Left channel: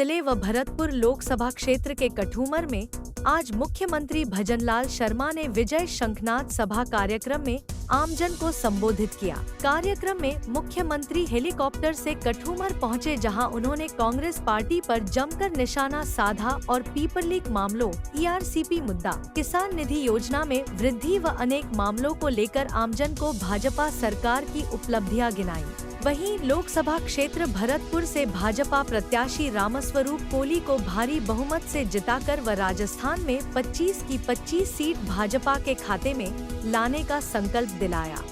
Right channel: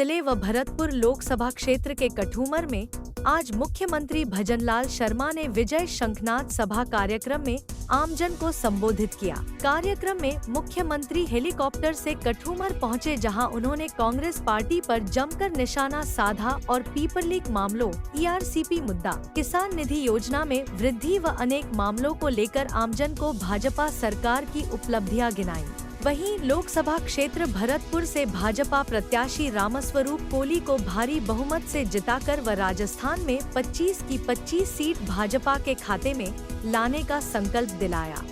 जिले व भरतपुर लोकसभा क्षेत्र के कठूमर में आज मुख्यमंत्री भजनलाल शर्मा ने विजय शंखनाद सभा कार्यक्रम में आमजन को संबोधित किया। कार्यक्रम में मुख्यमंत्री हेलीकॉप्टर से कठूमर पहुंचे, जहां उन्होंने कांग्रेस पार्टी पर जमकर निशाना साधा और पीपर लीक मामलों, ERCP मुद्दा, किसान निधि योजना में वृद्धि व अनेक मामलों को लेकर आमजन को भाजपा सरकार की उपलब्धियां गिनाई। वहीं लोकसभा क्षेत्र भरतपुर से भाजपा प्रत्याशी रामस्वरूप कोली को भारी बहुमत से जिताकर व राजस्थान में 25 की 25 सीट भाजपा के खाते में लाने का संकल्प दिलाया।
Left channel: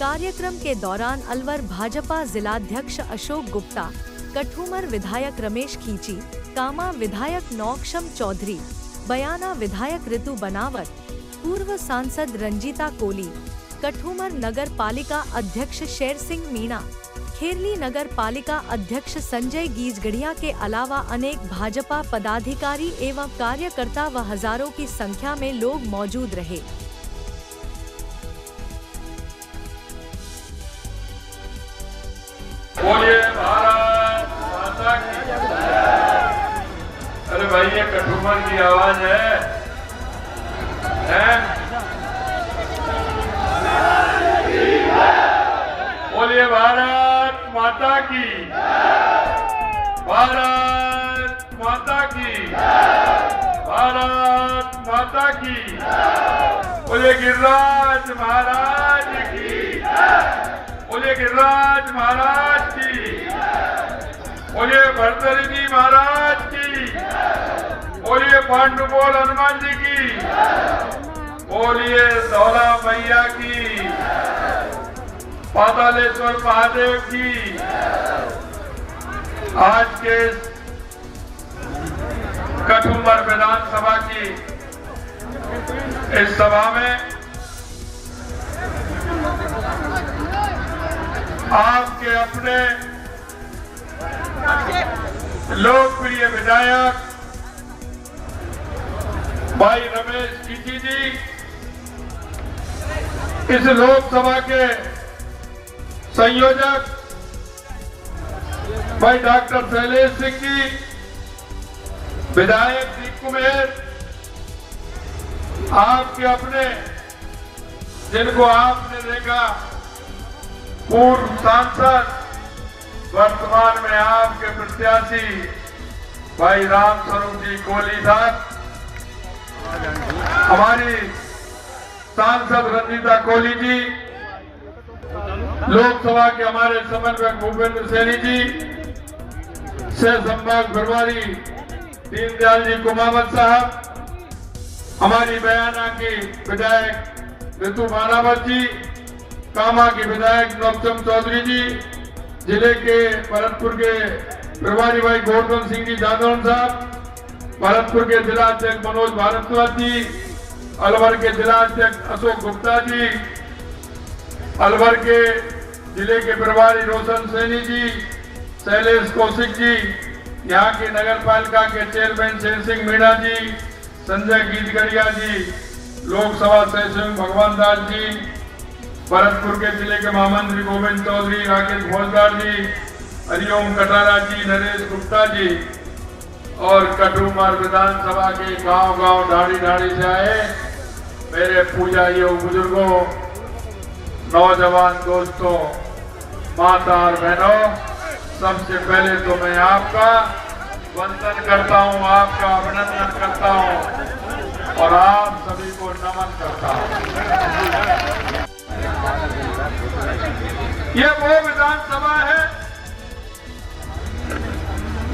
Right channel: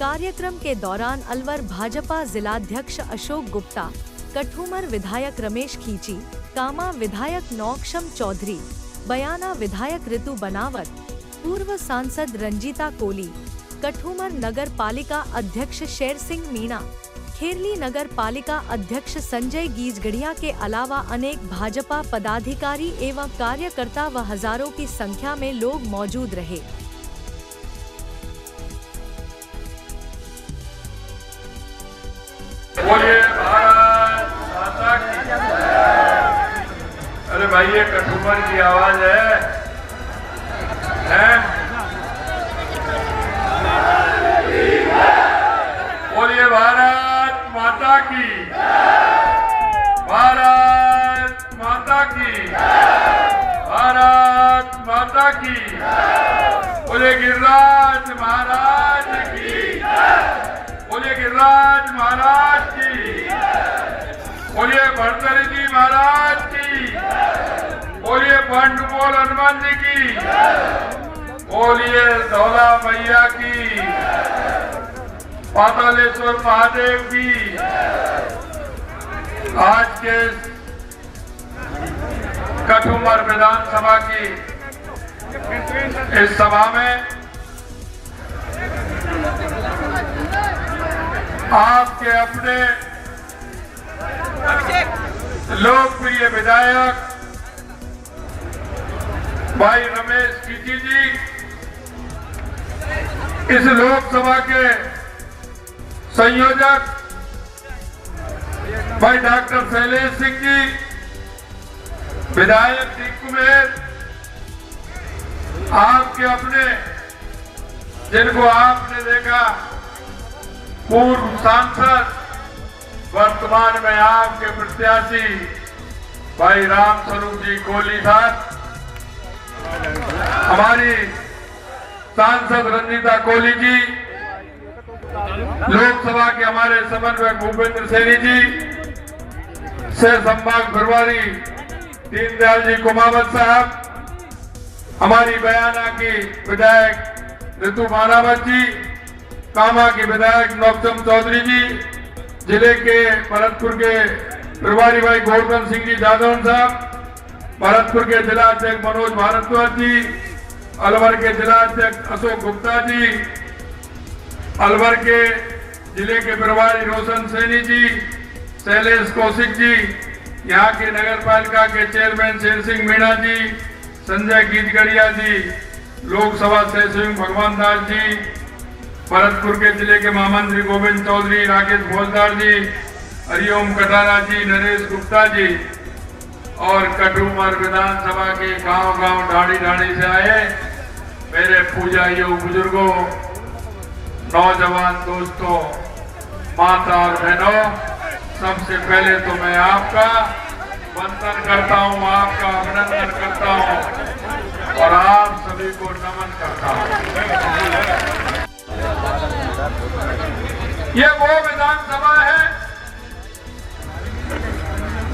कार्यक्रम के दौरान अलवर भाजपा जिलाध्यक्ष अशोक गुप्ता, कठूमर विधायक रमेश खींची, कामा विधायक नौक्षम चौधरी, बयाना विधायक ऋतु बनावत, पूर्व सांसद रंजीता कोली, कठूमर नगर पालिका अध्यक्ष शेर सिंह मीणा, खेरली नगर पालिका अध्यक्ष संजय गीजगढ़िया के अलावा अनेक भाजपा पदाधिकारी एवं कार्यकर्ता व हजारों की संख्या में लोग मौजूद रहे। बोलिए भारत माता की। अरे भाई, ये कठूमर की आवाज है? बोलिए भारत माता की, भारत माता की, भारत माता की। बोलिए गिरिराज महाराज की, बोलिए गिरिराज महाराज की, बोलिए भरतरी महाराज की, बोलिए पांडुपोल हनुमान जी की, बोलिए धौला मैया की, पातालेश्वर महादेव की। आज के कठूमर विधानसभा की इस सभा में आपके अपने लोकप्रिय विधायक भाई रमेश खींची जी, इस लोकसभा के संयोजक भाई डॉक्टर शैलेश सिंह जी, विधायक जी कुमेर, आपके अपने जिनको आपने देखा पूर्व सांसद, वर्तमान में आपके प्रत्याशी भाई रामस्वरूप जी कोली साहब, हमारी सांसद रंजीता कोली जी, लोकसभा के हमारे समन्वयक भूपेंद्र सैनी जी, से संभाग प्रभारी दीनदयाल जी कुमावत साहब, हमारी बयाना की विधायक ऋतु बनावत जी, कामा के विधायक नौक्षम चौधरी जी, जिले के भरतपुर के प्रभारी भाई गोवर्धन सिंह जी जादौन साहब, भरतपुर के जिला अध्यक्ष मनोज भारद्वाज जी, अलवर के जिला अध्यक्ष अशोक गुप्ता जी, अलवर के जिले के प्रभारी रोशन सैनी जी, शैलेश कौशिक जी, यहाँ के नगर पालिका के चेयरमैन शेर सिंह मीणा जी, संजय गीजगढ़िया जी, लोकसभा से स्वयं भगवान दास जी, भरतपुर के जिले के महामंत्री गोविंद चौधरी, राकेश भोजदार जी, हरिओम कटारा जी, नरेश गुप्ता जी और कठूमर विधानसभा के गांव-गांव ढाड़ी-ढाड़ी से आए मेरे पूजाइयों, बुजुर्गों, नौजवान दोस्तों, माता और बहनों, सबसे पहले तो मैं आपका वंदन करता हूं, आपका अभिनंदन करता हूं और आप सभी को नमन करता हूं। ये वो विधानसभा है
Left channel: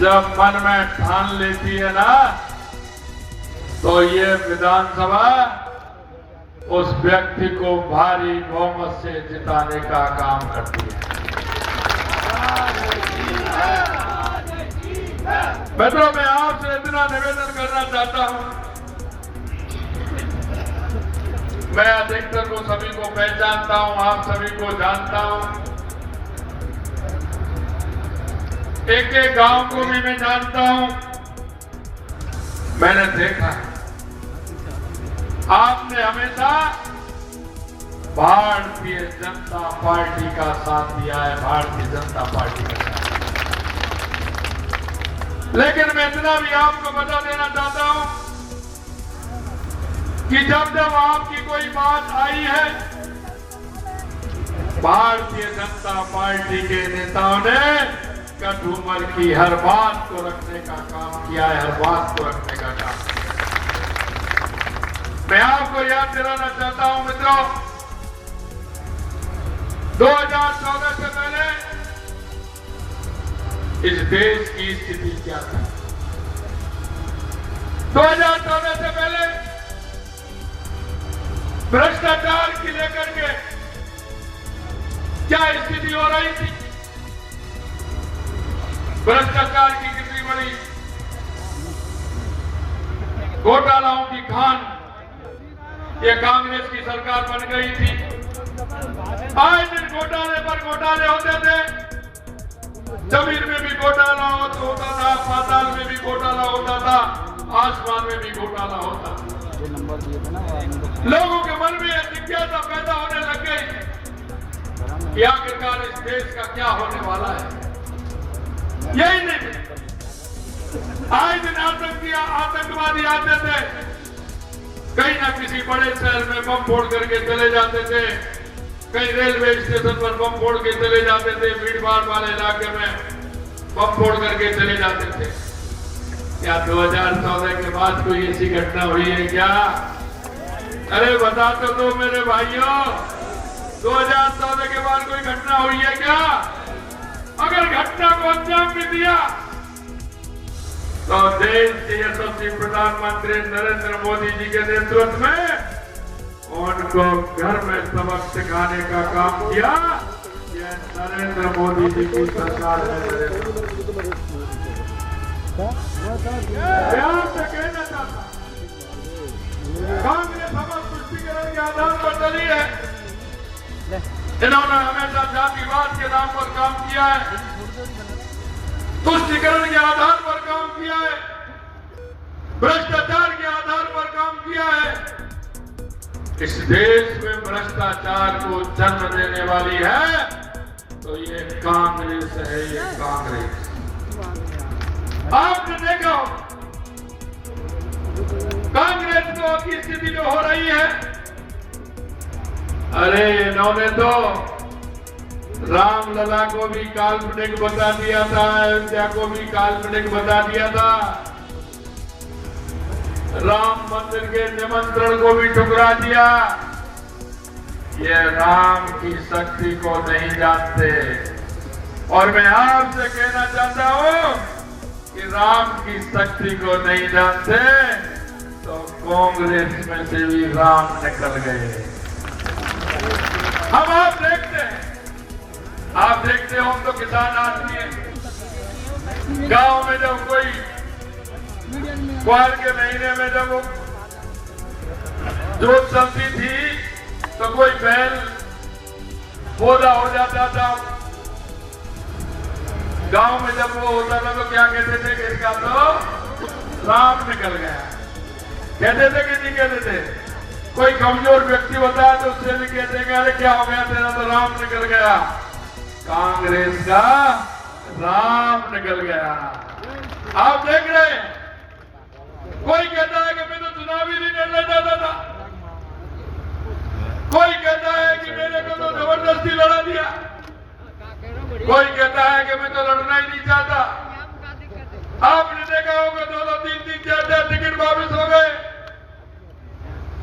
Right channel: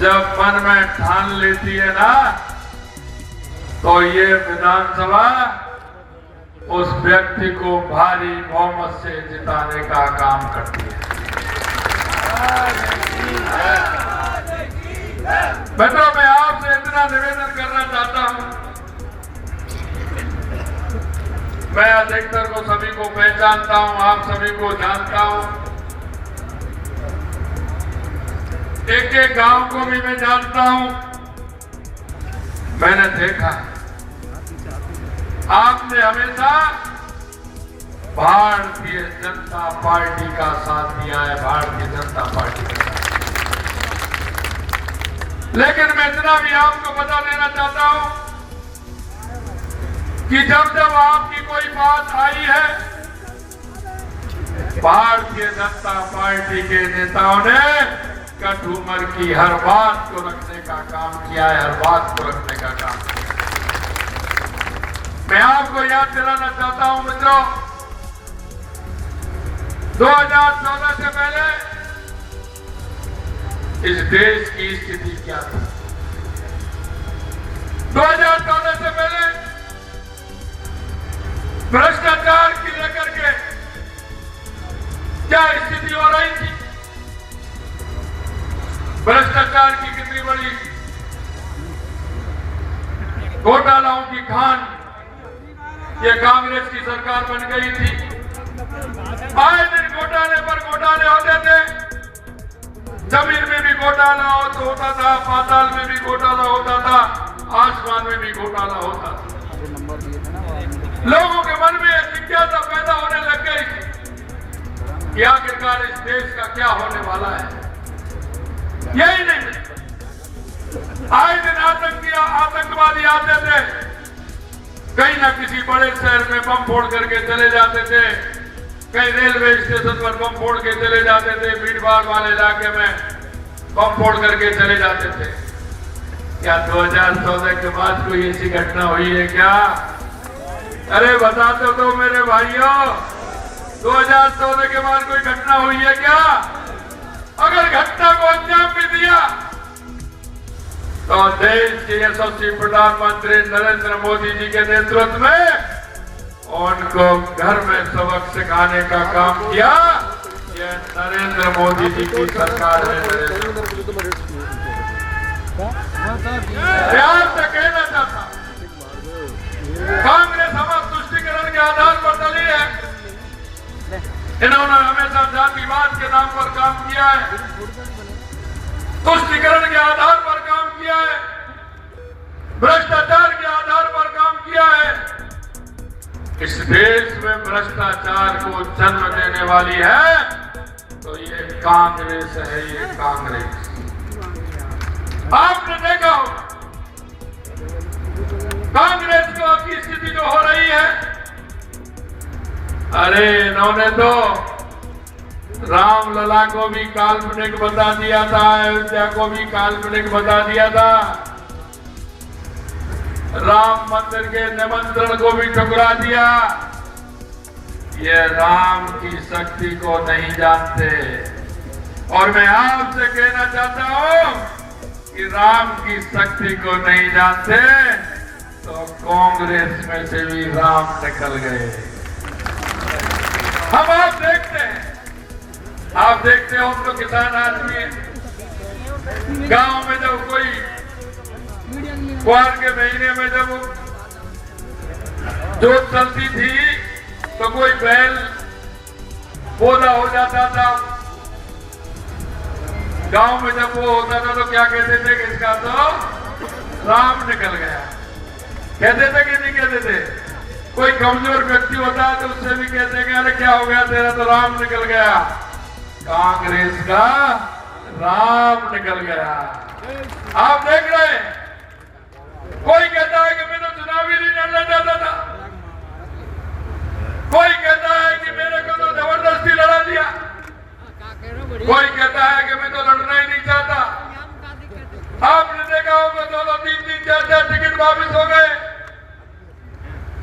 जब मन में ठान लेती है ना, तो ये विधानसभा उस व्यक्ति को भारी बहुमत से जिताने का काम करती है। मित्रों, मैं आपसे इतना निवेदन करना चाहता हूं, मैं अधिकतर को सभी को पहचानता हूं, आप सभी को जानता हूं, एक एक गांव को भी मैं जानता हूं। मैंने देखा आपने हमेशा भारतीय जनता पार्टी का साथ दिया है, भारतीय जनता पार्टी का साथ। लेकिन मैं इतना भी आपको बता देना चाहता हूं कि जब जब आपकी कोई बात आई है, भारतीय जनता पार्टी के नेताओं ने कठुमर की हर बात को रखने का काम किया है, हर बात को रखने का काम किया। मैं आपको याद दिलाना चाहता हूं मित्रों, 2014 से पहले इस देश की स्थिति क्या थी? 2014 से पहले भ्रष्टाचार की लेकर के क्या स्थिति हो रही थी? भ्रष्टाचार की कितनी बड़ी घोटालाओं की खान ये कांग्रेस की सरकार बन गई थी। आए दिन घोटाले पर घोटाले होते थे। जमीन में भी घोटाला होता था, पाताल में भी घोटाला होता था, आसमान में भी घोटाला होता था। लोगों के मन में जिज्ञासा पैदा होने लग गई कि आखिरकार इस देश का क्या होने वाला है। यही नहीं, आए दिन आतंकवादी आते थे, कहीं ना किसी बड़े शहर में बम फोड़ करके चले जाते थे, कहीं रेलवे स्टेशन पर बम फोड़ के चले जाते थे, भीड़ भाड़ वाले इलाके में बम फोड़ करके चले जाते थे। क्या 2014 के बाद कोई ऐसी घटना हुई है क्या? अरे बता तो दो मेरे भाइयों, 2014 के बाद कोई घटना हुई है क्या? अगर घटना को अंजाम भी दिया तो देश के यशस्वी प्रधानमंत्री नरेंद्र मोदी जी के नेतृत्व में उनको घर में सबक सिखाने का काम किया। यह नरेंद्र मोदी जी की सरकार है। प्यार से कहना चाहता, कांग्रेस हमारे तुष्टिकरण के आधार पर चली है। इन्होंने हमेशा जातिवाद के नाम पर काम किया है, तुष्टिकरण के आधार पर काम किया है, भ्रष्टाचार के आधार पर काम किया है। इस देश में भ्रष्टाचार को जन्म देने वाली है तो ये कांग्रेस है, ये कांग्रेस। आपने देखा कांग्रेस की स्थिति जो हो रही है, अरे इन्होंने तो रामलला को भी काल्पनिक बता दिया था, अयोध्या को भी काल्पनिक बता दिया था, राम मंदिर के निमंत्रण को भी ठुकरा दिया। ये राम की शक्ति को नहीं जानते। और मैं आपसे कहना चाहता हूं कि राम की शक्ति को नहीं जानते तो कांग्रेस में से भी राम निकल गए। हम आप देखते हो, हम तो किसान आदमी हैं। गांव में जब कोई ग्वार के महीने में जब जोत चलती थी तो कोई बैल बोधा हो जाता था। गांव में जब वो होता था तो क्या कहते थे कि इसका तो राम निकल गया। कहते थे कि नहीं कहते थे? कोई कमजोर व्यक्ति होता तो उससे भी कहते हैं अरे क्या हो गया तेरा, तो राम निकल गया। कांग्रेस का राम निकल गया। आप देख रहे हैं, कोई कहता है कि मैं तो चुनाव ही नहीं लड़ना चाहता था, कोई कहता है कि मेरे को तो जबरदस्ती लड़ा दिया, कोई कहता है कि मैं तो लड़ना ही नहीं चाहता। आपने देखा होगा 2-2, 3-3, 4-4 टिकट वापिस हो गए।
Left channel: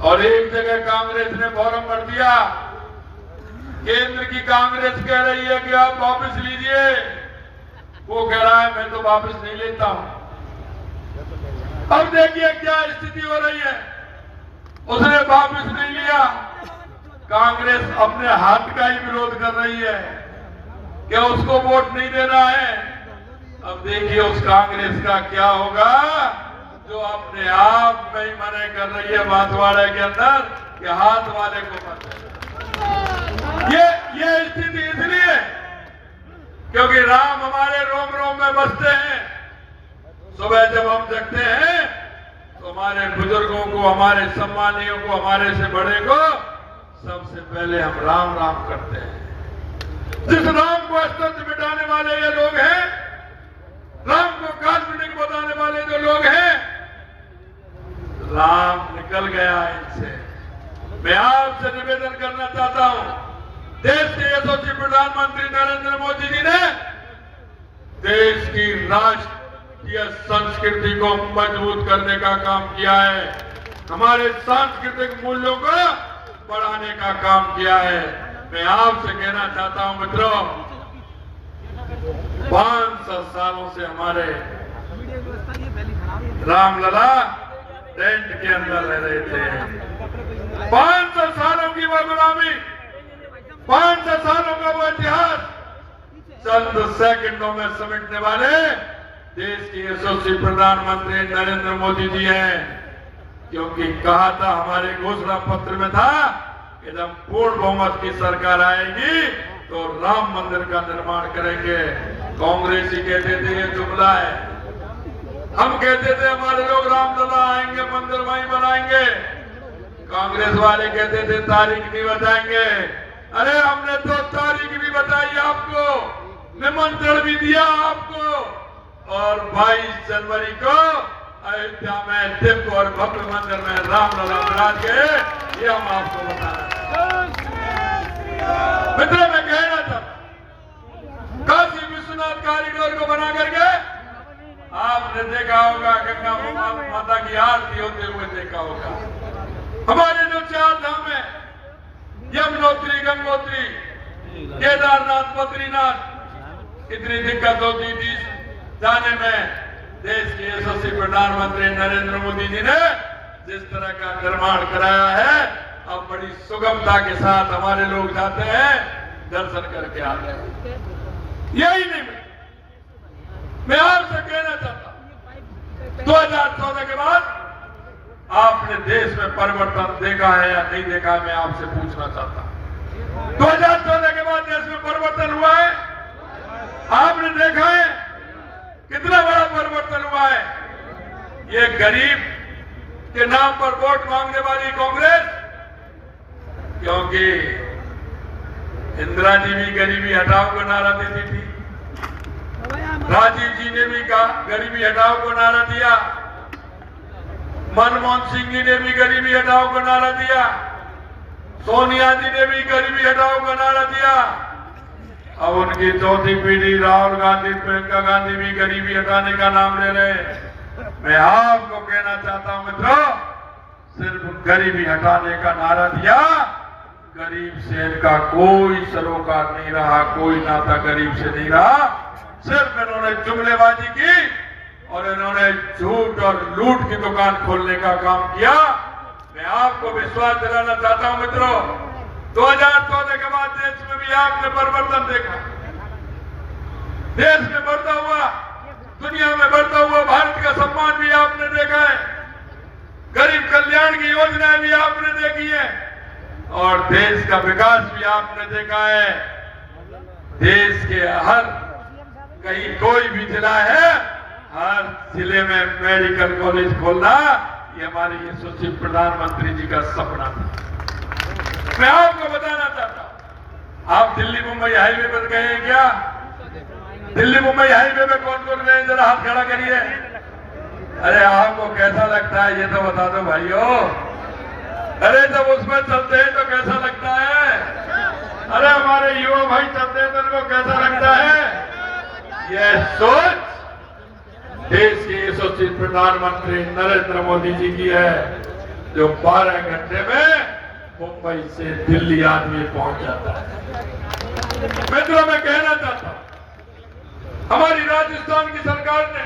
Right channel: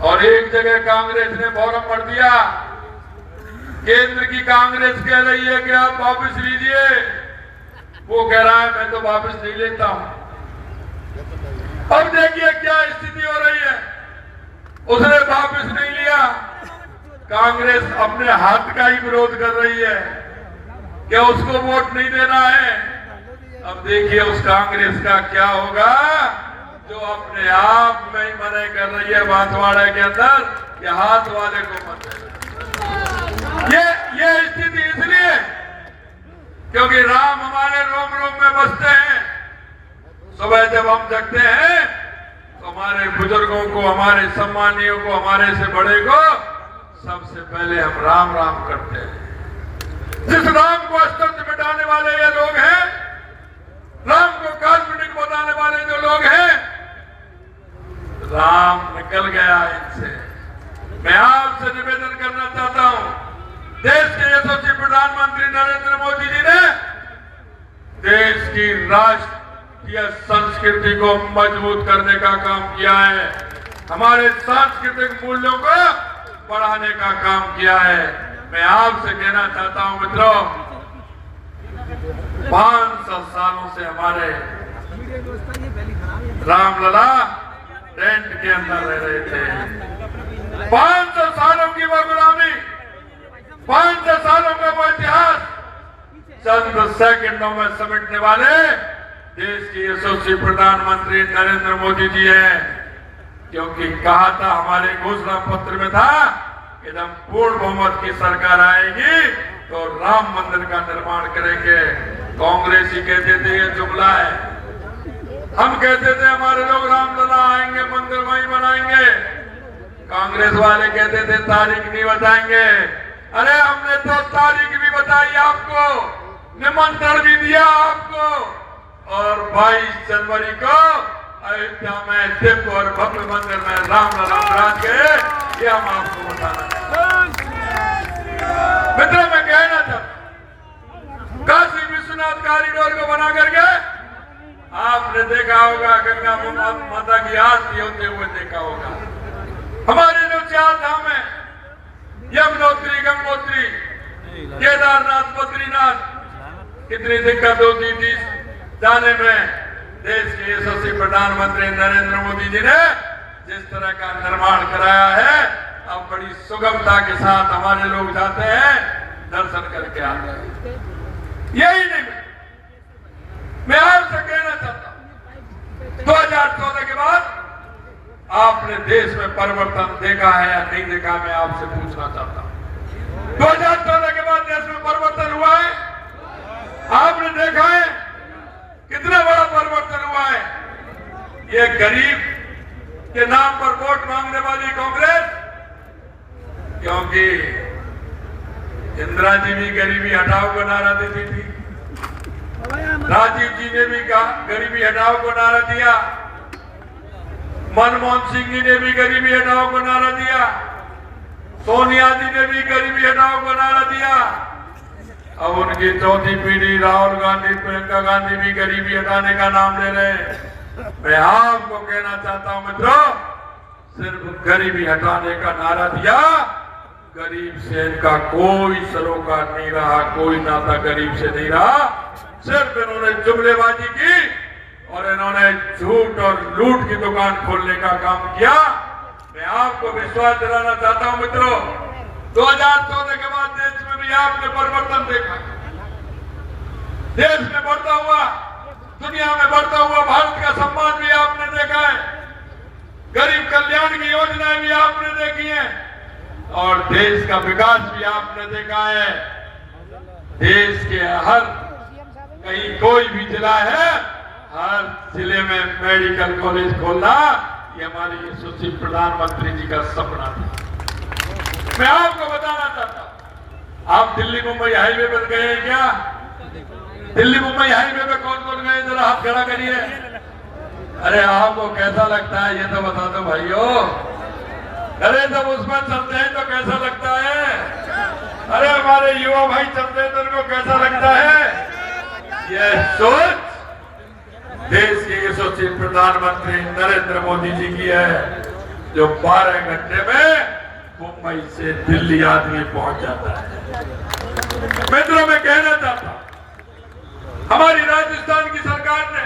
और एक जगह कांग्रेस ने फॉर्म भर दिया, केंद्र की कांग्रेस कह रही है कि आप वापस लीजिए, वो कह रहा है मैं तो वापस नहीं लेता हूं। अब देखिए क्या स्थिति हो रही है, उसने वापस नहीं लिया, कांग्रेस अपने हाथ का ही विरोध कर रही है कि उसको वोट नहीं देना है। अब देखिए उस कांग्रेस का क्या होगा जो अपने आप में ही मना कर रही है बांसवाड़ा के अंदर कि हाथ वाले को मत देना। ये स्थिति इसलिए क्योंकि राम हमारे रोम रोम में बसते हैं। सुबह जब हम जगते हैं तो हमारे बुजुर्गों को, हमारे सम्मानियों को, हमारे से बड़े को सबसे पहले हम राम राम करते हैं। जिस राम को अस्तित्व मिटाने वाले ये लोग हैं, राम को काल्पनिक बताने वाले जो लोग हैं, राम निकल गया इनसे। मैं आपसे निवेदन करना चाहता हूं, देश के यशस्वी प्रधानमंत्री नरेंद्र मोदी जी ने देश की राष्ट्रीय संस्कृति को मजबूत करने का काम किया है, हमारे सांस्कृतिक मूल्यों को बढ़ाने का काम किया है। मैं आपसे कहना चाहता हूं मित्रों, 500 सालों से हमारे रामलला टेंट के अंदर रह रहे थे। 500 सालों की वो गुलामी, 500 सालों का वो इतिहास चंद सेकंडों में समेटने वाले देश के यशस्वी प्रधानमंत्री नरेंद्र मोदी जी हैं। क्योंकि कहा था, हमारे घोषणा पत्र में था कि जब पूर्ण बहुमत की सरकार आएगी तो राम मंदिर का निर्माण करेंगे। कांग्रेस ही कहते थे ये जुमला है, हम कहते थे हमारे लोग रामलला आएंगे, मंदिर वहीं बनाएंगे। कांग्रेस वाले कहते थे तारीख नहीं बताएंगे। अरे हमने तो तारीख भी बताई आपको, निमंत्रण भी दिया आपको, और 22 जनवरी को अयोध्या में दिव्य और भव्य मंदिर में रामलला विराज गए, ये हम आपको बताना। मित्रों, मैं कहना था, काशी विश्वनाथ कॉरिडोर को बना करके आपने देखा होगा, गंगा माता की आरती होते हुए देखा होगा। हमारे जो 4 धाम है, यमुनोत्री, गंगोत्री, केदारनाथ, बद्रीनाथ, कितनी दिक्कत होती थी जाने में। देश के यशस्वी प्रधानमंत्री नरेंद्र मोदी जी ने जिस तरह का निर्माण कराया है, अब बड़ी सुगमता के साथ हमारे लोग जाते हैं, दर्शन करके आते हैं। यही नहीं, मैं आपसे कहना चाहता हूं, 2014 के बाद आपने देश में परिवर्तन देखा है या नहीं देखा, मैं आपसे पूछना चाहता हूं। 2014 के बाद देश में परिवर्तन हुआ है, आपने देखा है कितना बड़ा परिवर्तन हुआ है। ये गरीब के नाम पर वोट मांगने वाली कांग्रेस, क्योंकि इंदिरा जी भी गरीबी हटाओ को नारा देती थी, राजीव जी ने भी गरीबी हटाओ को नारा दिया, मनमोहन सिंह जी ने भी गरीबी हटाओ को नारा दिया, सोनिया जी ने भी गरीबी हटाओ को नारा दिया। अब उनकी चौथी पीढ़ी राहुल गांधी, प्रियंका गांधी भी गरीबी हटाने का नाम ले रहे हैं। मैं आपको कहना चाहता हूं मित्रों, सिर्फ गरीबी हटाने का नारा दिया, गरीब से इनका कोई सरोकार नहीं रहा, कोई नाता गरीब से नहीं रहा। सिर्फ इन्होंने जुमलेबाजी की और इन्होंने झूठ और लूट की दुकान खोलने का काम किया। मैं आपको विश्वास दिलाना चाहता हूं मित्रों, 2014 के बाद देश में भी आपने परिवर्तन देखा। देश में बढ़ता हुआ, दुनिया में बढ़ता हुआ भारत का सम्मान भी आपने देखा है, गरीब कल्याण की योजनाएं भी आपने देखी है, और देश का विकास भी आपने देखा है। देश के हर कहीं कोई भी जिला है, हर जिले में मेडिकल कॉलेज खोलना, ये हमारे यशस्वी प्रधानमंत्री जी का सपना था। मैं आपको बताना चाहता हूं, आप दिल्ली मुंबई हाईवे पर गए हैं क्या? दिल्ली मुंबई हाईवे पे कौन कौन गए, जरा हाथ खड़ा करिए। अरे आपको कैसा लगता है ये तो बता दो भाइयों। अरे जब उसमें चलते हैं तो कैसा लगता है? अरे हमारे युवा भाई चलते हैं तो उनको कैसा लगता है? यह सोच देश के यशस्वी प्रधानमंत्री नरेंद्र मोदी जी की है, जो 12 घंटे में मुंबई से दिल्ली आदमी पहुंच जाता है। मित्रों, मैं कहना चाहता हूं, हमारी राजस्थान की सरकार ने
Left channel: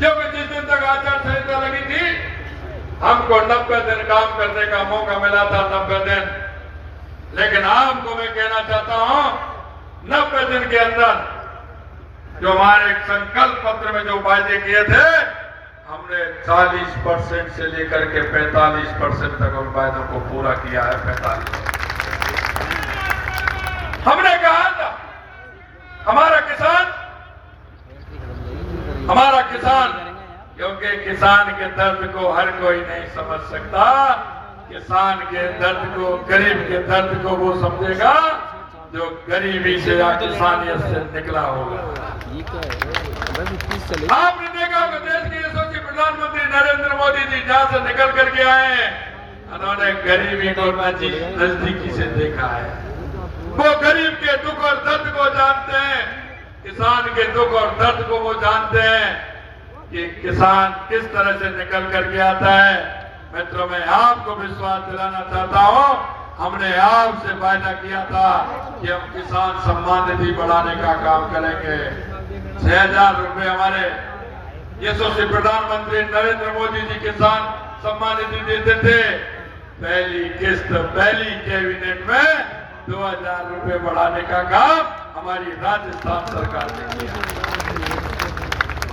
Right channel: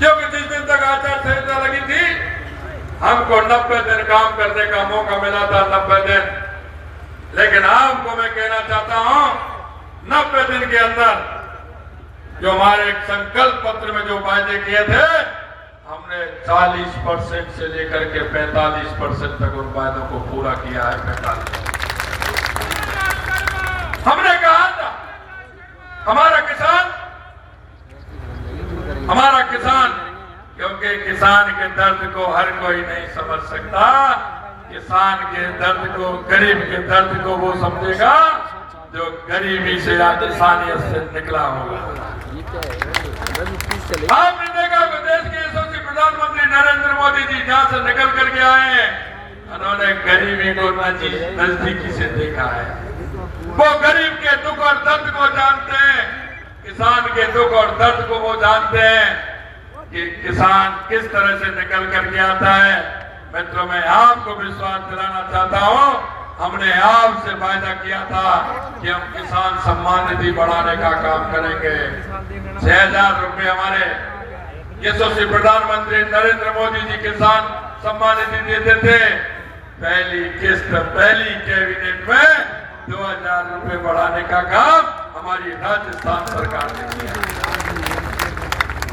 जब जिस दिन तक आचार संहिता लगी थी, हमको 90 दिन काम करने का मौका मिला था, 90 दिन। लेकिन आपको मैं कहना चाहता हूं, 90 दिन के अंदर जो हमारे संकल्प पत्र में जो वायदे किए थे, हमने 40% से लेकर के 45% तक उन वायदों को पूरा किया है। 45 हमने कहा था, हमारा किसान, क्योंकि किसान के दर्द को हर कोई नहीं समझ सकता। किसान के दर्द को, गरीब के दर्द को वो समझेगा जो गरीबी से या इंसानियत से निकला होगा। आपने देखा होगा देश के यशस्वी प्रधानमंत्री नरेंद्र मोदी जी जहां से निकल करके आए हैं, उन्होंने गरीबी को नजदीकी से देखा है। वो गरीब के दुख और दर्द को जानते हैं, किसान के दुख और दर्द को वो जानते हैं कि किसान किस तरह से निकल करके आता है। मित्रों, मैं आपको विश्वास दिलाना चाहता हूं, हमने आपसे वायदा किया था कि हम किसान सम्मान निधि बढ़ाने का काम करेंगे। 6,000 रुपए हमारे यशस्वी प्रधानमंत्री नरेंद्र मोदी जी किसान सम्मान निधि देते थे। पहली किस्त पहली कैबिनेट में 2,000 रुपए बढ़ाने का काम हमारी राजस्थान सरकार ने किया।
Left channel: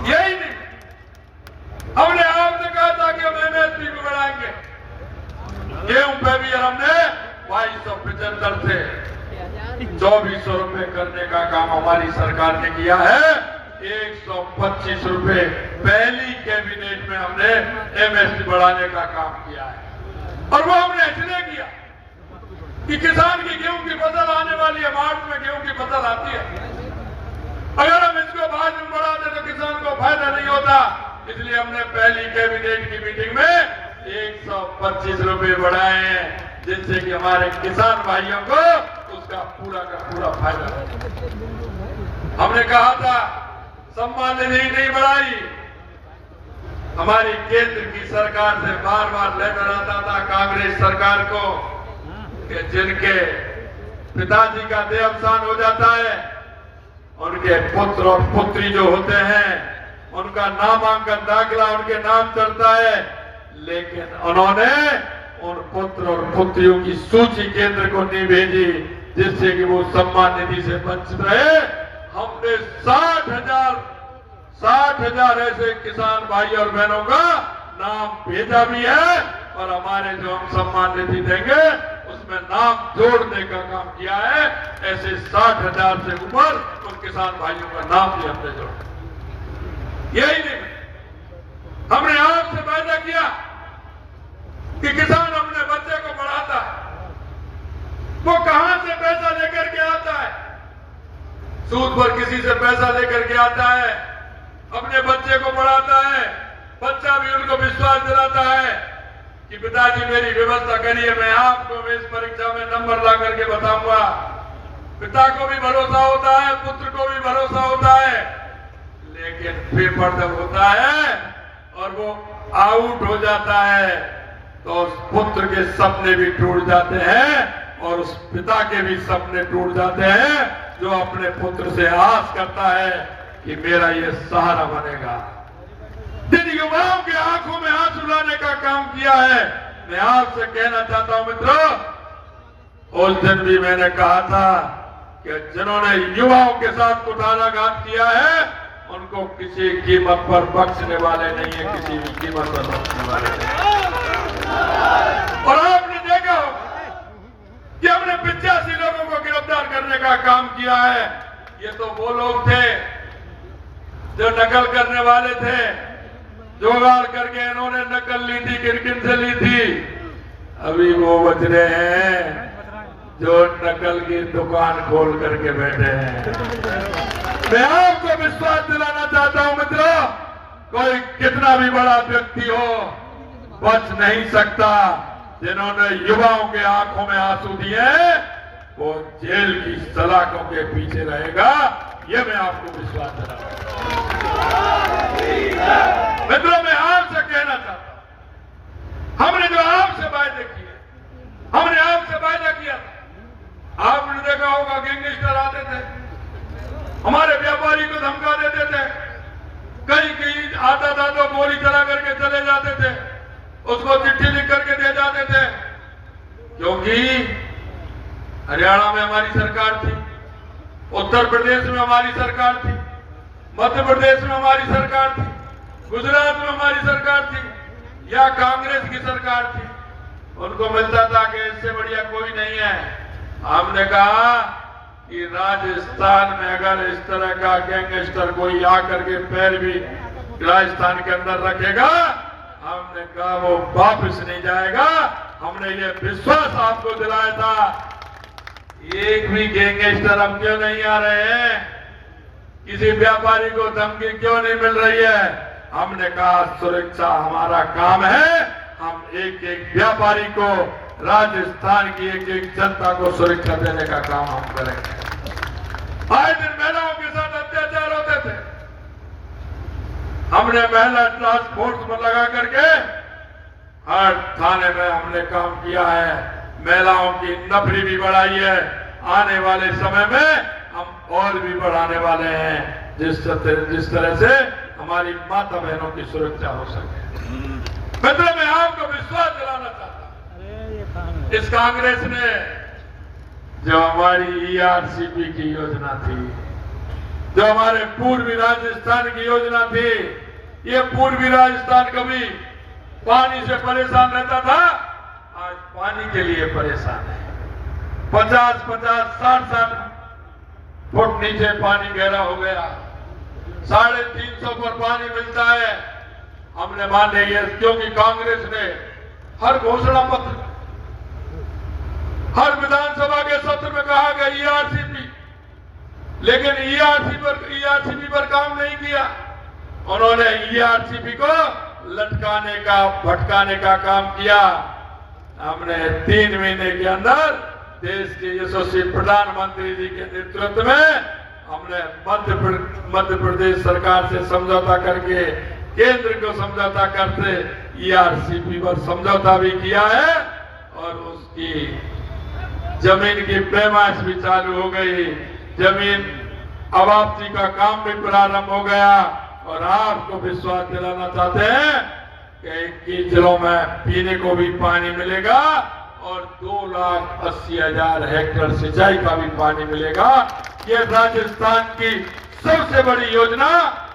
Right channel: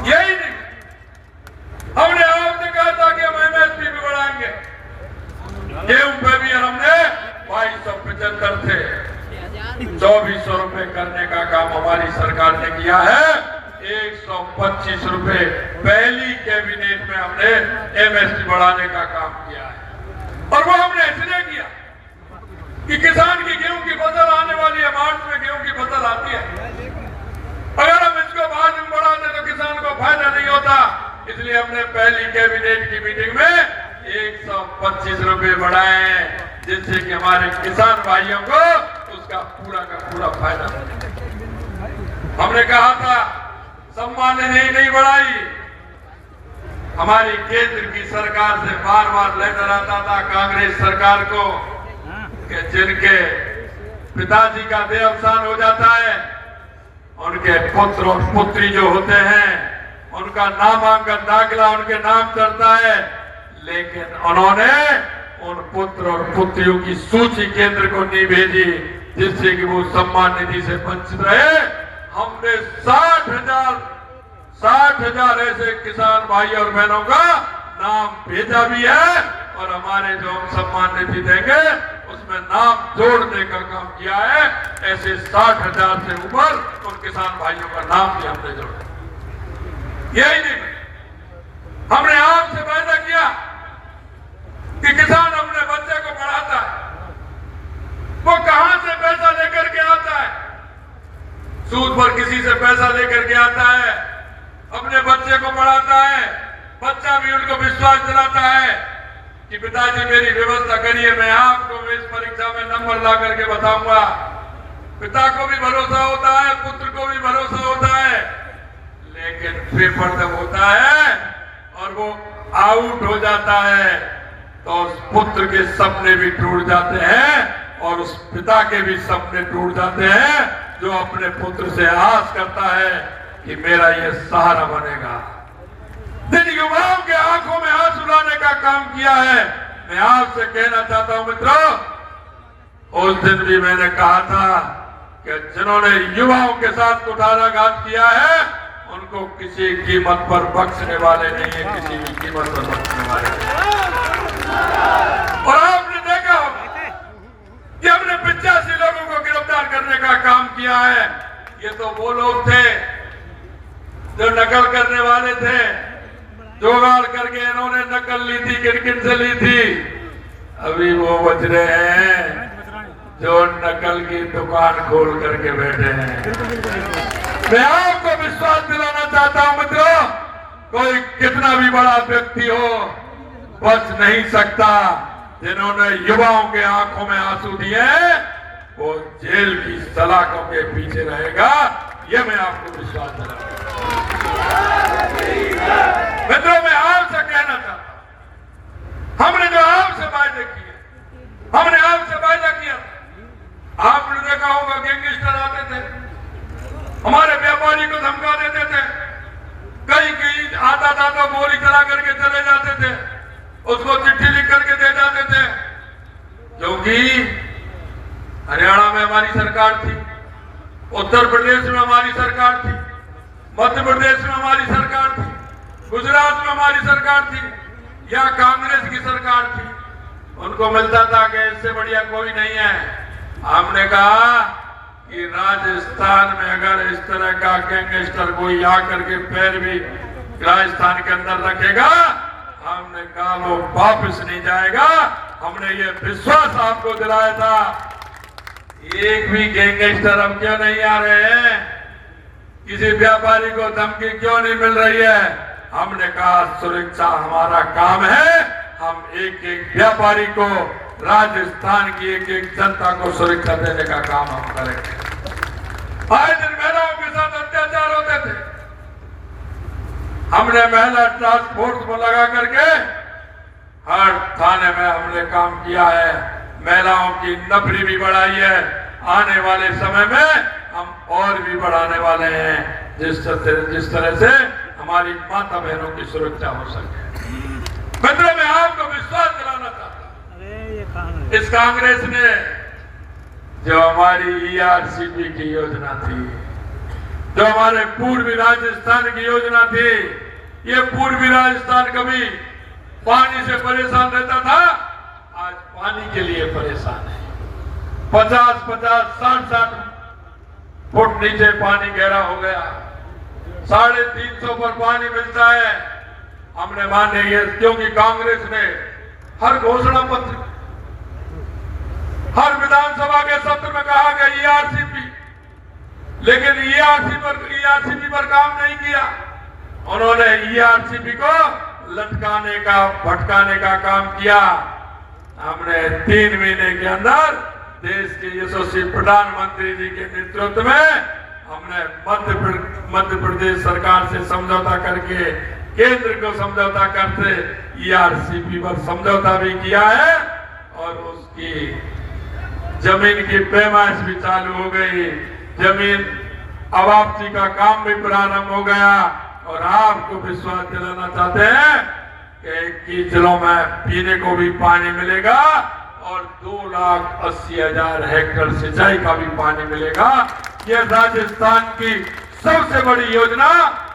यही नहीं, हमने आपसे कहा था कि हम MSP भी बढ़ाएंगे। गेहूं पे भी हमने 2275 थे, 2,400 रुपए करने का काम हमारी सरकार ने किया है। 125 रुपए पहली कैबिनेट में हमने MSP बढ़ाने का काम किया है। और वो हमने इसलिए किया कि किसान की गेहूं की फसल आने वाली है, मार्च में गेहूं की फसल आती है। अगर हम इसको बाद में बढ़ा दें तो किसान को फायदा नहीं होता, इसलिए हमने पहली कैबिनेट की मीटिंग में 125 रुपए बढ़ाए हैं, जिससे कि हमारे किसान भाइयों को उसका पूरा का पूरा फायदा मिले। हमने कहा था सम्मान निधि नहीं बढ़ाई, हमारी केंद्र की सरकार से बार बार लेटर आता था कांग्रेस सरकार को कि जिनके पिताजी का देहावसान हो जाता है, उनके पुत्र और पुत्री जो होते हैं उनका नामांकन दाखिला उनके नाम करता है, लेकिन उन्होंने उन पुत्र और पुत्रियों की सूची केंद्र को नहीं भेजी, जिससे कि वो सम्मान निधि से वंचित रहे। हमने 60,000 ऐसे किसान भाई और बहनों का नाम भेजा भी है, और हमारे जो हम सम्मान निधि देंगे उसमें नाम जोड़ने का काम किया है। ऐसे 60,000 से ऊपर उन किसान भाइयों का नाम भी हमने जोड़ा। यही नहीं, हमने आपसे वायदा किया कि किसान अपने बच्चे को पढ़ाता, वो कहां से पैसा लेकर के आता है? सूद पर किसी से पैसा लेकर के आता है, अपने बच्चे को पढ़ाता है। बच्चा भी उनको विश्वास दिलाता है कि पिताजी मेरी व्यवस्था करिए, मैं आपको इस परीक्षा में नंबर ला करके बताऊंगा। पिता को भी भरोसा होता है, पुत्र को भी भरोसा होता है, लेकिन पेपर जब होता है और वो आउट हो जाता है तो उस पुत्र के सपने भी टूट जाते हैं और उस पिता के भी सपने टूट जाते हैं, जो अपने पुत्र से आस करता है कि मेरा ये सहारा बनेगा। जिन युवाओं के आंखों में आंसू लाने का काम किया है, मैं आपसे कहना चाहता हूं मित्रों, उस दिन भी मैंने कहा था कि जिन्होंने युवाओं के साथ कुठाराघात किया है उनको किसी कीमत पर बख्शने वाले नहीं है, किसी भी कीमत पर बख्शने वाले नहीं। और आपने देखा होगा कि हमने 85 लोगों को गिरफ्तार करने का काम किया है। ये तो वो लोग थे जो नकल करने वाले थे, जुगाड़ करके इन्होंने नकल ली थी, किन से ली थी। अभी वो बच रहे हैं जो नकल की दुकान खोल करके बैठे हैं। मैं आपको विश्वास दिलाना चाहता हूं मित्रों, कोई कितना भी बड़ा व्यक्ति हो बच नहीं सकता। जिन्होंने युवाओं के आंखों में आंसू दिए वो जेल की सलाखों के पीछे रहेगा, ये मैं आपको विश्वास दिलाता हूं। मित्रों, मैं आपसे कहना चाहता हूं, हमने जो आपसे वायदे किए, हमने आपसे वायदा किया। आपने देखा होगा गैंगस्टर आते थे, हमारे व्यापारी को धमका देते थे, कहीं आता था तो गोली चला करके चले जाते थे, उसको चिट्ठी लिख करके दे जाते थे। क्योंकि हरियाणा में हमारी सरकार थी, उत्तर प्रदेश में हमारी सरकार थी, मध्य प्रदेश में हमारी सरकार थी, गुजरात में हमारी सरकार थी, या कांग्रेस की सरकार थी। उनको मिलता था कि इससे बढ़िया कोई नहीं है। हमने कहा कि राजस्थान में अगर इस तरह का गैंगस्टर कोई आकर के पैर भी राजस्थान के अंदर रखेगा, हमने कहा वो वापस नहीं जाएगा। हमने ये विश्वास आपको दिलाया था। एक भी गैंगस्टर अब क्यों नहीं आ रहे हैं? किसी व्यापारी को धमकी क्यों नहीं मिल रही है? हमने कहा सुरक्षा हमारा काम है, हम एक एक व्यापारी को, राजस्थान की एक एक जनता को सुरक्षा देने का काम हम करेंगे। आए दिन महिलाओं के साथ अत्याचार होते थे, हमने महिला टास्क फोर्स को लगा करके हर थाने में हमने काम किया है, महिलाओं की नफरी भी बढ़ाई है। आने वाले समय में हम और भी बढ़ाने वाले हैं, जिस तरह से हमारी माता बहनों की सुरक्षा हो सके। मित्रों, मैं आपको विश्वास दिलाना चाहता हूं, इस कांग्रेस ने जो हमारी ERCP की योजना थी, जो हमारे पूर्वी राजस्थान की योजना थी, ये पूर्वी राजस्थान कभी पानी से परेशान रहता था, आज पानी के लिए परेशान है। 50-50, 60-60 फुट नीचे पानी गहरा हो गया, 350 पर पानी मिलता है। हमने माने ये क्योंकि कांग्रेस ने हर घोषणा पत्र, हर विधानसभा के सत्र में कहा गया ERCP, लेकिन ERCP पर काम नहीं किया। उन्होंने ERCP को लटकाने का, भटकाने का काम किया। हमने 3 महीने के अंदर देश के यशस्वी प्रधानमंत्री जी के नेतृत्व में हमने मध्य प्रदेश सरकार से समझौता करके, केंद्र को समझौता करते ERCP पर समझौता भी किया है, और उसकी जमीन की पैमाइश भी चालू हो गई। जमीन अवाप्ती का काम भी प्रारंभ हो गया, और आपको विश्वास दिलाना चाहते हैं कि 21 जिलों में पीने को भी पानी मिलेगा, और 2,80,000 हेक्टेयर सिंचाई का भी पानी मिलेगा। ये राजस्थान की सबसे बड़ी योजना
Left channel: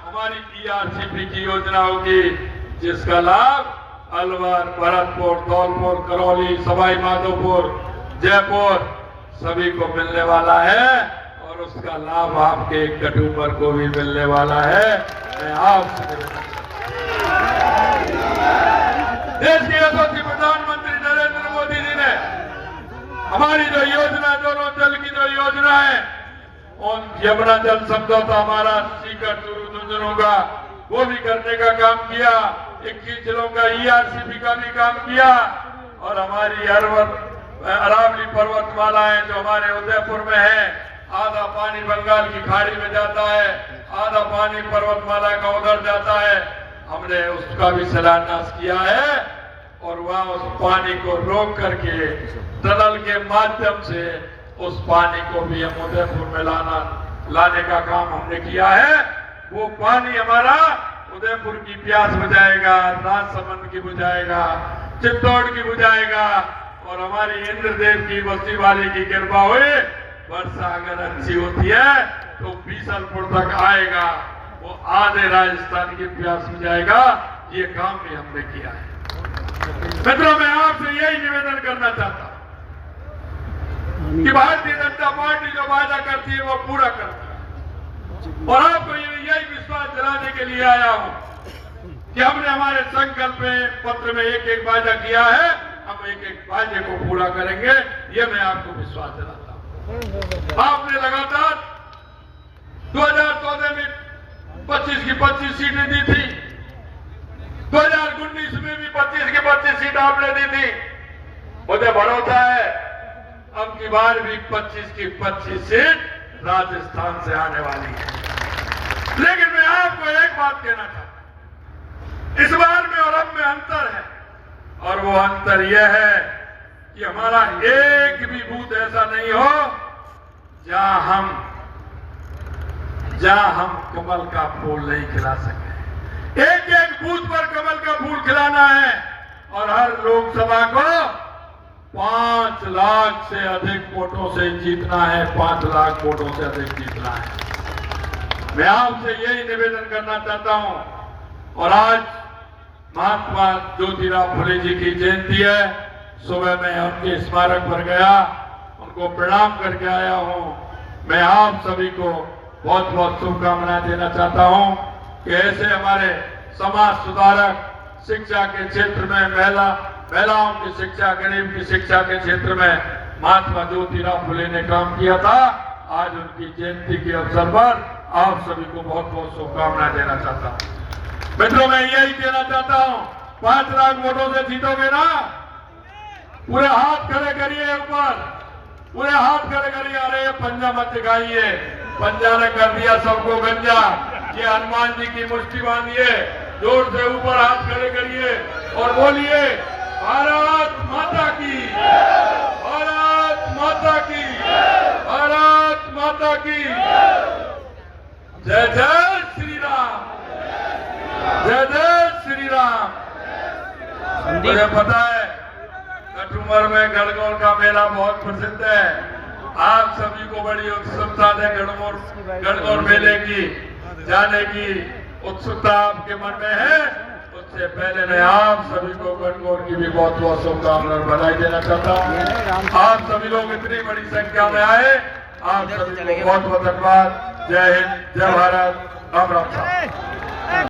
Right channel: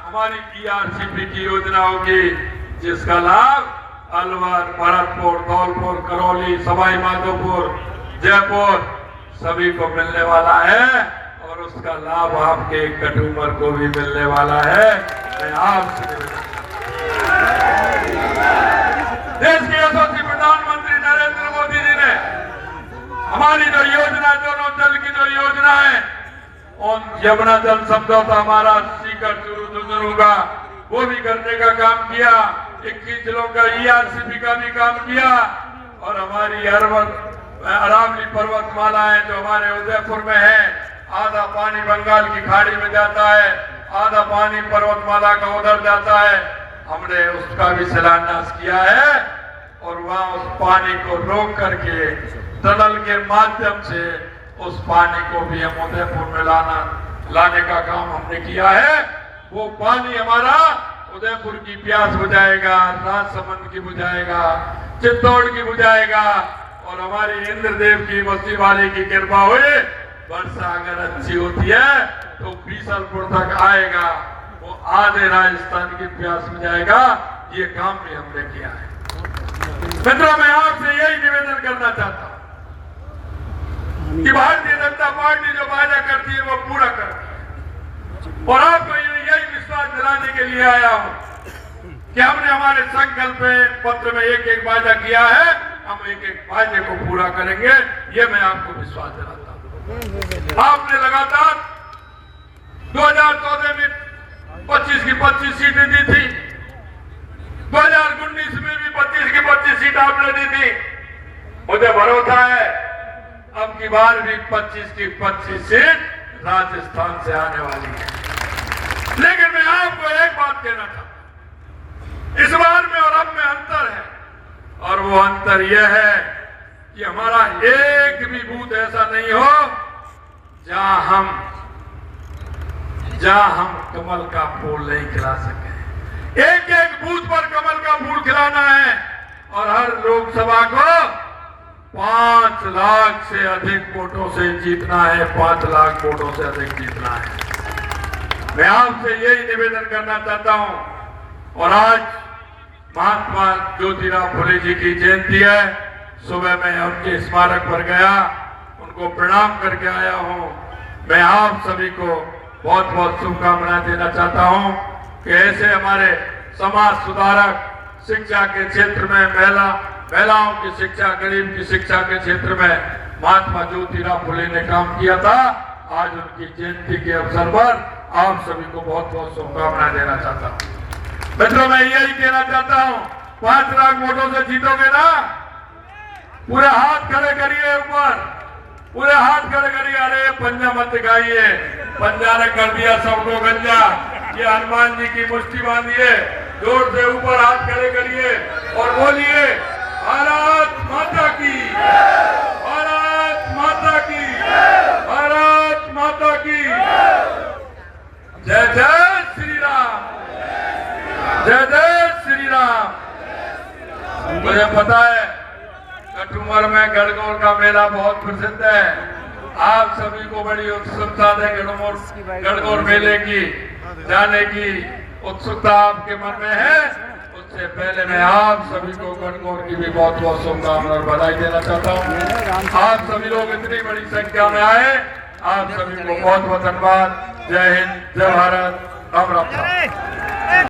हमारी ERCP की योजना होगी, जिसका लाभ अलवर, भरतपुर, धौलपुर, करौली, सवाई माधोपुर, जयपुर सभी को मिलने वाला है, और उसका लाभ आपके कटुमर को भी मिलने वाला है। मैं आपसे देश के यशस्वी प्रधानमंत्री नरेंद्र मोदी जी ने हमारी जो योजना, दोनों जल की जो योजना है, उन यमुना जल समझौता हमारा सीकर चूरू झुंझुनू का, वो भी करने का काम किया। 21 जिलों का ERCP का भी काम किया, और हमारी अरावली पर्वतमाला है जो हमारे उदयपुर में है, आधा पानी बंगाल की खाड़ी में जाता है, आधा पानी पर्वतमाला का उधर जाता है। हमने उसका भी शिलान्यास किया है, और वहां उस पानी को रोक करके टनल के माध्यम से उस पानी को भी हम उदयपुर में लाने का काम हमने किया है। वो पानी हमारा उदयपुर की प्यास बुझाएगा, राजसमंद की बुझाएगा, चित्तौड़ की बुझाएगा, और हमारे इंद्रदेव की बस्ती वाले की कृपा हुई, वर्षा अगर अच्छी होती है तो बीसलपुर तक आएगा, वो आधे राजस्थान की प्यास बुझाएगा। ये काम भी हमने किया है। मित्रों, मैं आपसे यही निवेदन करना चाहता हूं कि भारतीय जनता पार्टी जो वादा करती है वो पूरा करती है, और आपको यही विश्वास दिलाने के लिए आया हूं कि हमने हमारे संकल्प पत्र में एक एक वादा किया है, हम एक एक वादे को पूरा करेंगे। ये मैं आपको विश्वास दिलाता हूं। आपने लगातार 2014 में 25 की 25 सीटें दी थी, 2019 में भी 25 की 25 सीट आपने दी थी। मुझे भरोसा है अब की बार भी 25 की 25 सीट राजस्थान से आने वाली है। लेकिन मैं आपको एक बात कहना चाहता हूं, इस बार में और अब में अंतर है, और वो अंतर यह है कि हमारा एक भी बूथ ऐसा नहीं हो जहां हम कमल का फूल नहीं खिला सके। एक एक बूथ पर कमल का फूल खिलाना है, और हर लोकसभा को 5 लाख से अधिक वोटों से जीतना है, 5 लाख वोटों से अधिक जीतना है। मैं आपसे यही निवेदन करना चाहता हूं। और आज महात्मा ज्योतिराव फुले जी की जयंती है। सुबह मैं उनके स्मारक पर गया, उनको प्रणाम करके आया हूं। मैं आप सभी को बहुत बहुत शुभकामनाएं देना चाहता हूं कि ऐसे हमारे समाज सुधारक, शिक्षा के क्षेत्र में महिलाओं की शिक्षा, गरीब की शिक्षा के क्षेत्र में महात्मा ज्योतिराव फुले ने काम किया था। आज उनकी जयंती के अवसर पर आप सभी को बहुत बहुत शुभकामनाएं देना चाहता हूं। मित्रों, मैं यही कहना चाहता हूं, 5 लाख वोटों से जीतोगे ना, पूरे हाथ खड़े करिए ऊपर, पूरे हाथ खड़े करिए। अरे पंजा मत दिखाइए, पंजा ने कर दिया सबको गंजा। ये हनुमान जी की मुट्ठी बांधिए, जोर से ऊपर हाथ खड़े करिए और बोलिए भारत माता की, भारत माता की, भारत माता की। जय जय श्री राम, जय जय श्री राम। मुझे पता है कठुमर में गणगौर का मेला बहुत प्रसिद्ध है। आप सभी को बड़ी उत्सुकता है गणगौर मेले की जाने की उत्सुकता आपके मन में है। उससे पहले मैं आप सभी को गणगौर की भी बहुत बहुत शुभकामनाएं बधाई देना चाहता हूँ। आप सभी लोग इतनी बड़ी संख्या में आए, आप सभी को बहुत बहुत धन्यवाद। जय हिंद, जय भारत, राम राम।